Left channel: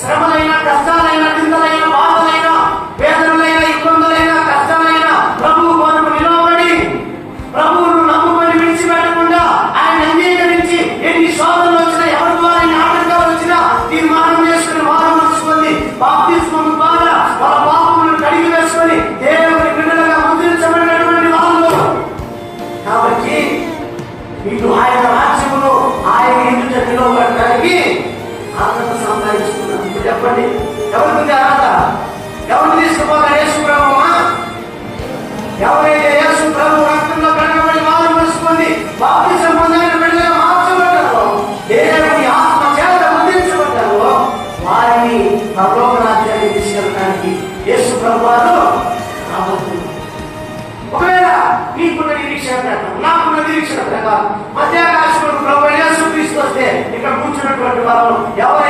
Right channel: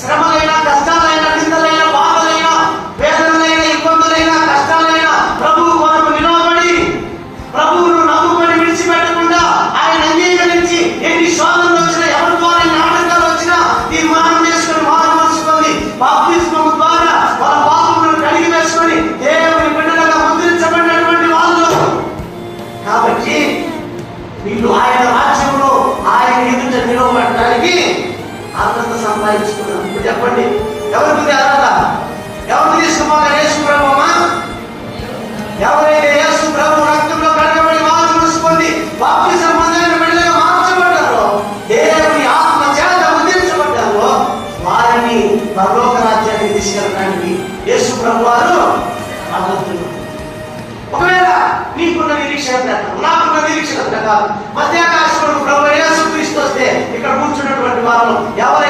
శ్రమలైనా, కష్టాలైనా, నిందలైనా, బాధలైనా, వేదనలైనా, ఇబ్బందులైనా, కష్టాలైనా ప్రభువు కొరకు నిలబడి ప్రభువును నమ్ముకొని విడిచిపెట్టకుండా ఆయన అంగీకరించి ఎన్ని శోధనలు వచ్చినా, ఎవరి ద్వారా ఆటంకాలు వచ్చినా తీర్మానం చేసుకుని మారు మనసు పొంది బాప్తిస్మము ద్వారా వాళ్ళ పాపములను కడిగి వేసుకొని దేవుని బిడ్డలుగా ముద్రించబడినటువంటి వాళ్ళు. కాబట్టి వీళ్ళు ఆయన రాజ్యంలో ఆయన ఎదుట నిలబడటానికి అర్హత సంపాదించుకున్నారు. ఇప్పుడు చెప్పండి, ఎవరికి అర్హత? ఎవరు తీసుకుపోతారు? యేసు ప్రభువా? ఎవరైతే యేసు ప్రభు రక్తంలో కడగబడి వారు మూసుకొని బాప్తిసం పొందిన బిడ్డలుగా మార్చబడ్డారో, దేవుని ఆత్మ చేత ముద్రించబడ్డారో వారిని పరలోక రాజ్యాన్ని తీసుకెళ్ళడానికి యేసు ప్రభు వారు రాబోతున్నారు. ఒకవేళ నీకున్న నిరీక్షణ ప్రకారం, నాకున్న నిరీక్షణ ప్రకారం మధ్యాకాశంలో ప్రభు యేసు క్రీస్తు వస్తే ఇక్కడ కూర్చున్నటువంటి వారు ఎవరు